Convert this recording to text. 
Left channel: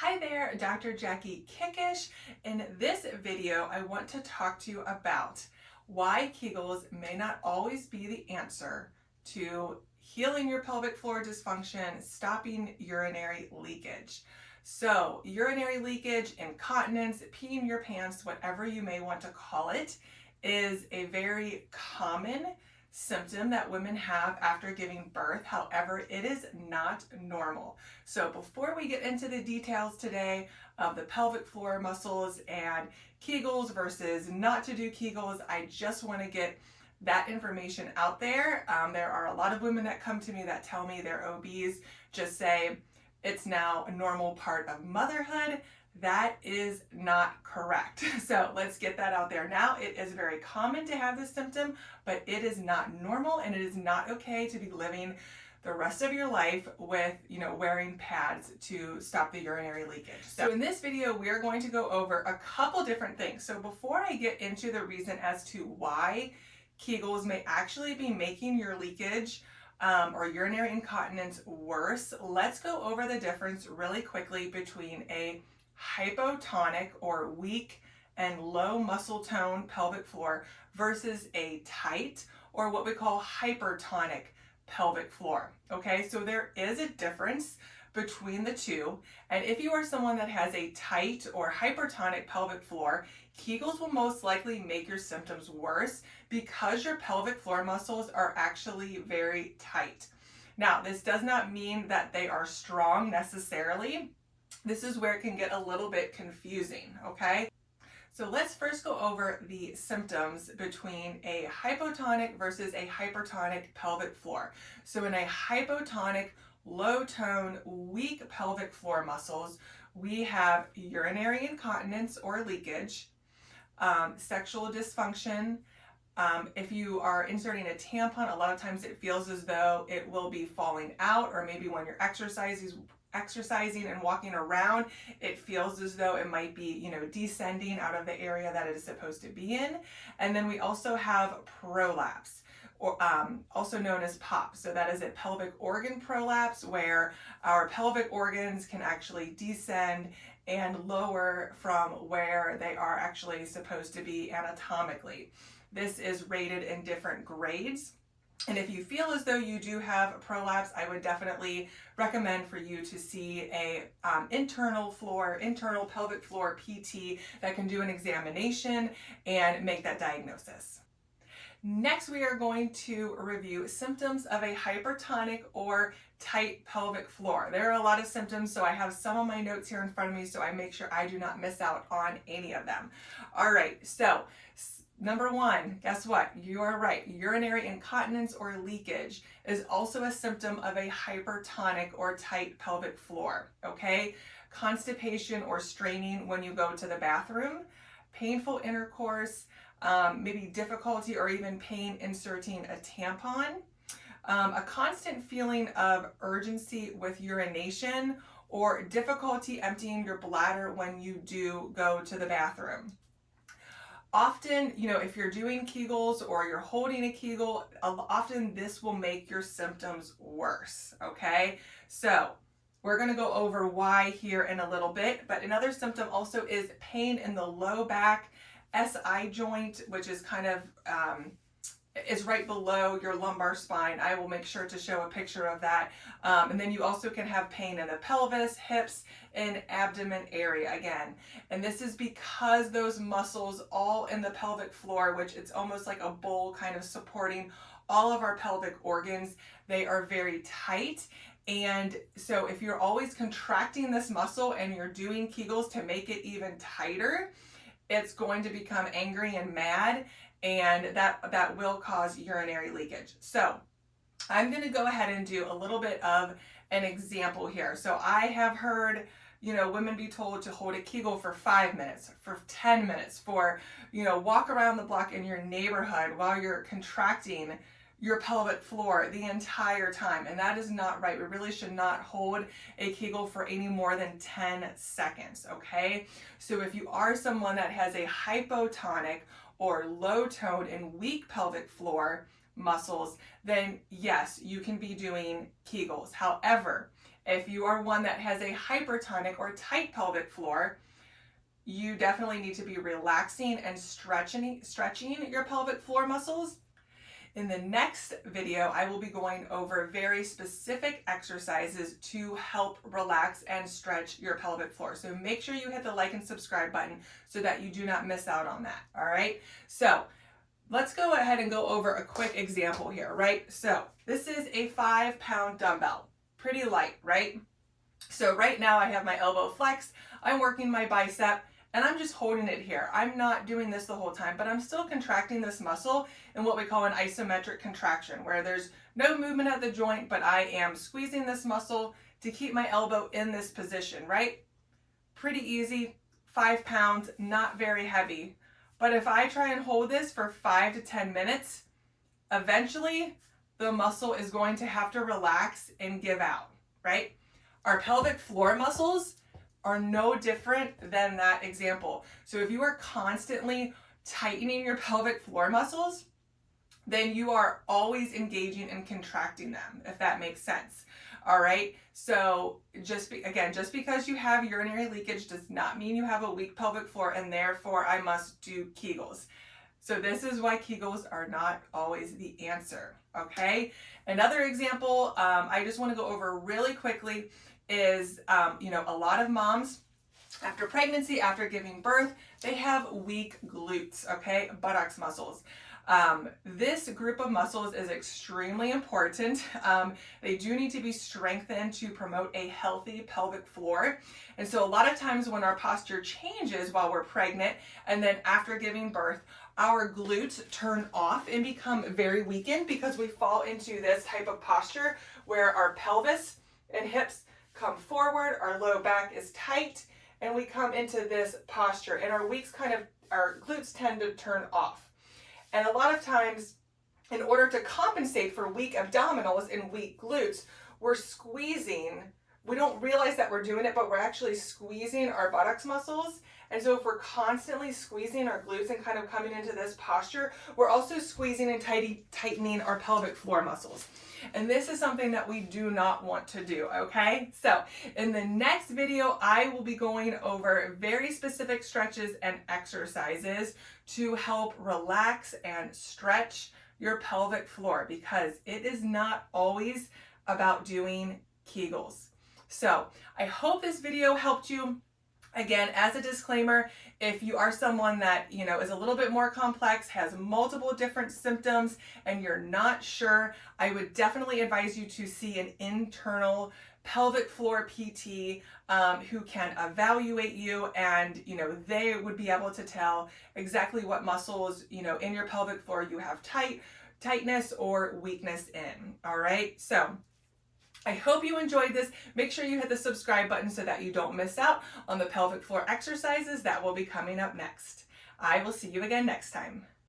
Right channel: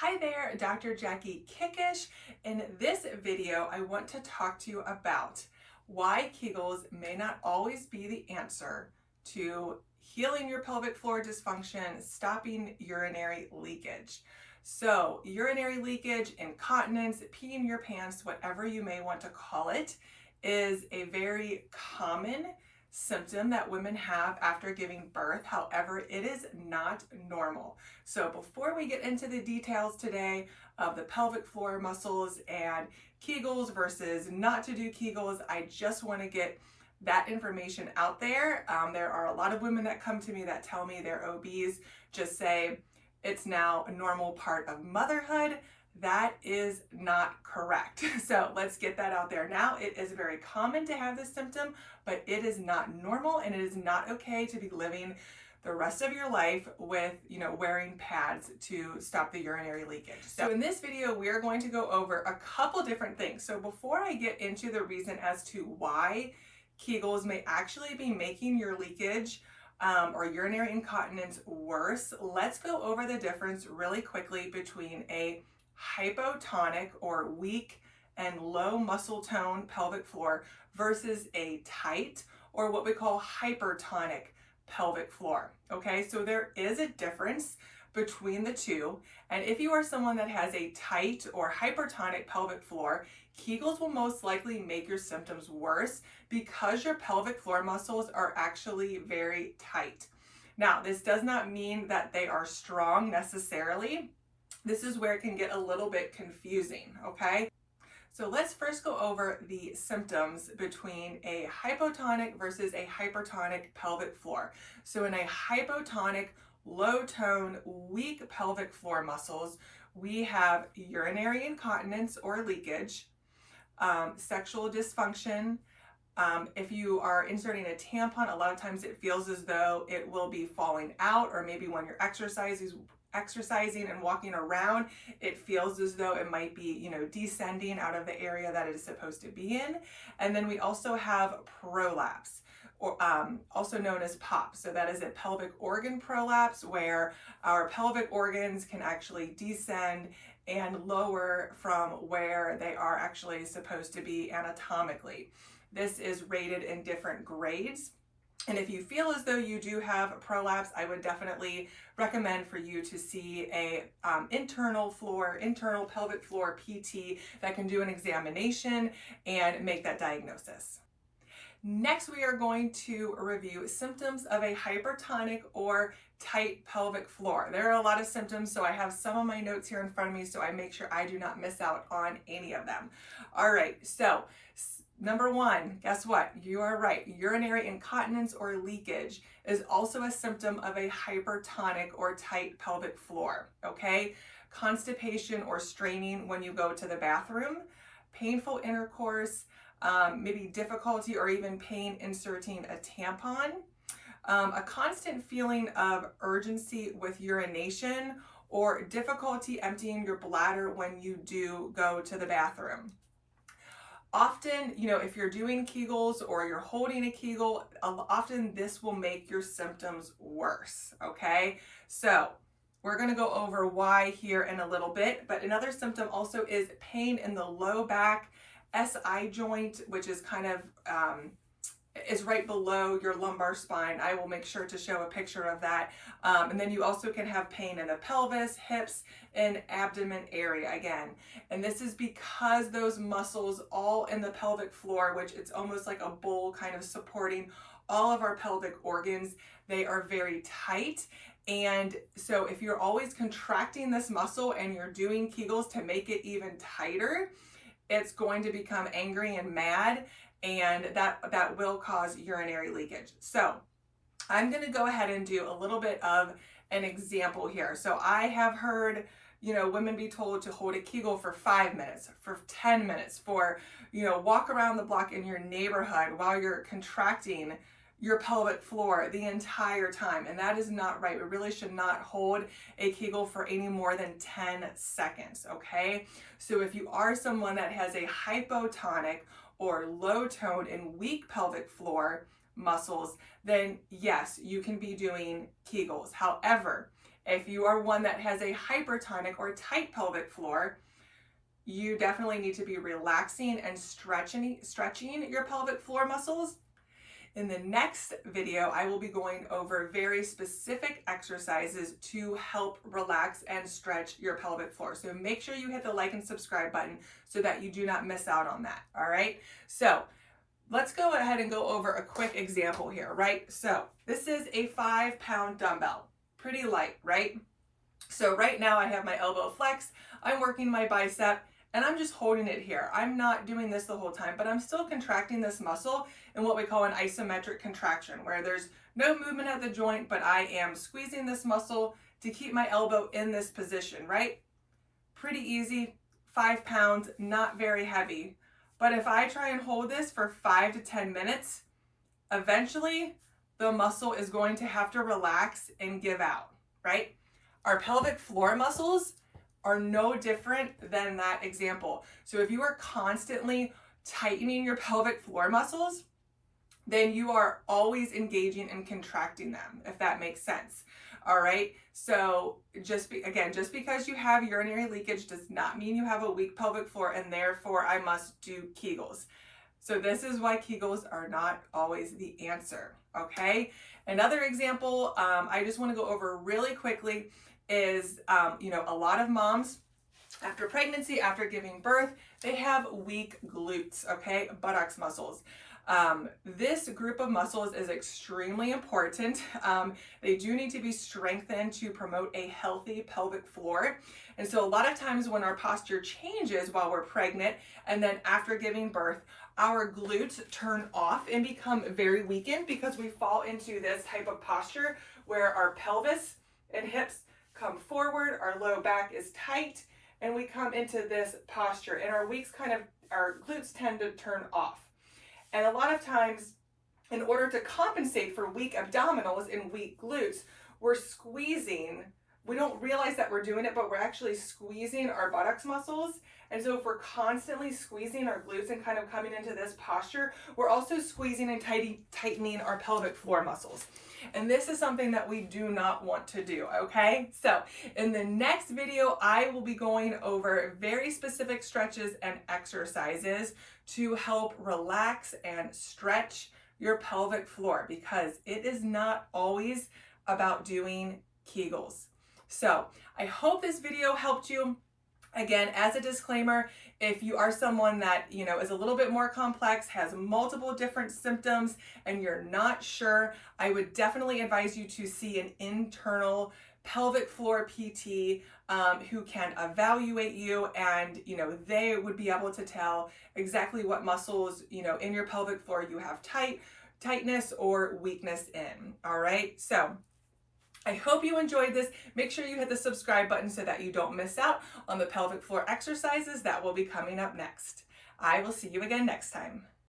Hi there, Dr. Jackie Kickish. In this video, I want to talk to you about why Kegels may not always be the answer to healing your pelvic floor dysfunction, stopping urinary leakage. So, urinary leakage, incontinence, peeing your pants, whatever you may want to call it, is a very common symptom that women have after giving birth. However, it is not normal. So before we get into the details today of the pelvic floor muscles and Kegels versus not to do Kegels, I just want to get that information out there. There are a lot of women that come to me that tell me their OBs just say it's now a normal part of motherhood. That is not correct. So let's get that out there. Now, it is very common to have this symptom, but it is not normal, and it is not okay to be living the rest of your life with, wearing pads to stop the urinary leakage. So in this video, we are going to go over a couple different things. So before I get into the reason as to why Kegels may actually be making your leakage or urinary incontinence worse, let's go over the difference really quickly between a hypotonic or weak and low muscle tone pelvic floor versus a tight or what we call hypertonic pelvic floor. Okay, so there is a difference between the two, and if you are someone that has a tight or hypertonic pelvic floor, Kegels will most likely make your symptoms worse because your pelvic floor muscles are actually very tight. Now, this does not mean that they are strong necessarily. This is where it can get a little bit confusing, okay? So let's first go over the symptoms between a hypotonic versus a hypertonic pelvic floor. So in a hypotonic, low tone, weak pelvic floor muscles, we have urinary incontinence or leakage, sexual dysfunction. If you are inserting a tampon, a lot of times it feels as though it will be falling out, or maybe when you're exercising and walking around, it feels as though it might be, descending out of the area that it is supposed to be in. And then we also have prolapse, or also known as POP. So that is a pelvic organ prolapse, where our pelvic organs can actually descend and lower from where they are actually supposed to be anatomically. This is rated in different grades. And if you feel as though you do have a prolapse, I would definitely recommend for you to see a internal pelvic floor PT that can do an examination and make that diagnosis. Next, we are going to review symptoms of a hypertonic or tight pelvic floor. There are a lot of symptoms, so I have some of my notes here in front of me so I make sure I do not miss out on any of them. All right, so number one, guess what? You are right. Urinary incontinence or leakage is also a symptom of a hypertonic or tight pelvic floor, okay? Constipation or straining when you go to the bathroom, painful intercourse, maybe difficulty or even pain inserting a tampon, a constant feeling of urgency with urination, or difficulty emptying your bladder when you do go to the bathroom. Often, if you're doing Kegels or you're holding a Kegel, often this will make your symptoms worse, okay? So we're gonna go over why here in a little bit, but another symptom also is pain in the low back, SI joint, which is kind of, is right below your lumbar spine. I will make sure to show a picture of that. And then you also can have pain in the pelvis, hips, and abdomen area again. And this is because those muscles all in the pelvic floor, which it's almost like a bowl kind of supporting all of our pelvic organs, they are very tight. And so if you're always contracting this muscle and you're doing Kegels to make it even tighter, it's going to become angry and mad, and that will cause urinary leakage. So I'm going to go ahead and do a little bit of an example here. So I have heard, women be told to hold a Kegel for 5 minutes, for 10 minutes, for, walk around the block in your neighborhood while you're contracting your pelvic floor the entire time. And that is not right. We really should not hold a Kegel for any more than 10 seconds, okay? So if you are someone that has a hypotonic or low tone and weak pelvic floor muscles, then yes, you can be doing Kegels. However, If you are one that has a hypertonic or tight pelvic floor, you definitely need to be relaxing and stretching your pelvic floor muscles. In the next video, I will be going over very specific exercises to help relax and stretch your pelvic floor. So make sure you hit the like and subscribe button so that you do not miss out on that, all right? So let's go ahead and go over a quick example here, right? So this is a 5-pound dumbbell, pretty light, right? So right now I have my elbow flexed, I'm working my bicep, and I'm just holding it here. I'm not doing this the whole time, but I'm still contracting this muscle in what we call an isometric contraction, where there's no movement at the joint, but I am squeezing this muscle to keep my elbow in this position, right? Pretty easy, 5 pounds, not very heavy. But if I try and hold this for 5 to 10 minutes, eventually the muscle is going to have to relax and give out, right? Our pelvic floor muscles are no different than that example. So if you are constantly tightening your pelvic floor muscles, then you are always engaging and contracting them, if that makes sense. All right. So just because you have urinary leakage does not mean you have a weak pelvic floor and therefore I must do Kegels. So this is why Kegels are not always the answer. Okay. Another example I just want to go over really quickly is, a lot of moms after pregnancy, after giving birth, they have weak glutes, okay, buttocks muscles. This group of muscles is extremely important. They do need to be strengthened to promote a healthy pelvic floor. And so a lot of times when our posture changes while we're pregnant and then after giving birth, our glutes turn off and become very weakened because we fall into this type of posture where our pelvis and hips come forward, our low back is tight, and we come into this posture, and our glutes tend to turn off. And a lot of times, in order to compensate for weak abdominals and weak glutes, we're squeezing. We don't realize that we're doing it, but we're actually squeezing our buttocks muscles. And so if we're constantly squeezing our glutes and kind of coming into this posture, we're also squeezing and tightening our pelvic floor muscles. And this is something that we do not want to do, okay? So in the next video, I will be going over very specific stretches and exercises to help relax and stretch your pelvic floor, because it is not always about doing Kegels. So I hope this video helped you. Again, as a disclaimer, if you are someone that, is a little bit more complex, has multiple different symptoms, and you're not sure, I would definitely advise you to see an internal pelvic floor PT who can evaluate you, and, they would be able to tell exactly what muscles, in your pelvic floor you have tightness or weakness in. All right. So I hope you enjoyed this. Make sure you hit the subscribe button so that you don't miss out on the pelvic floor exercises that will be coming up next. I will see you again next time.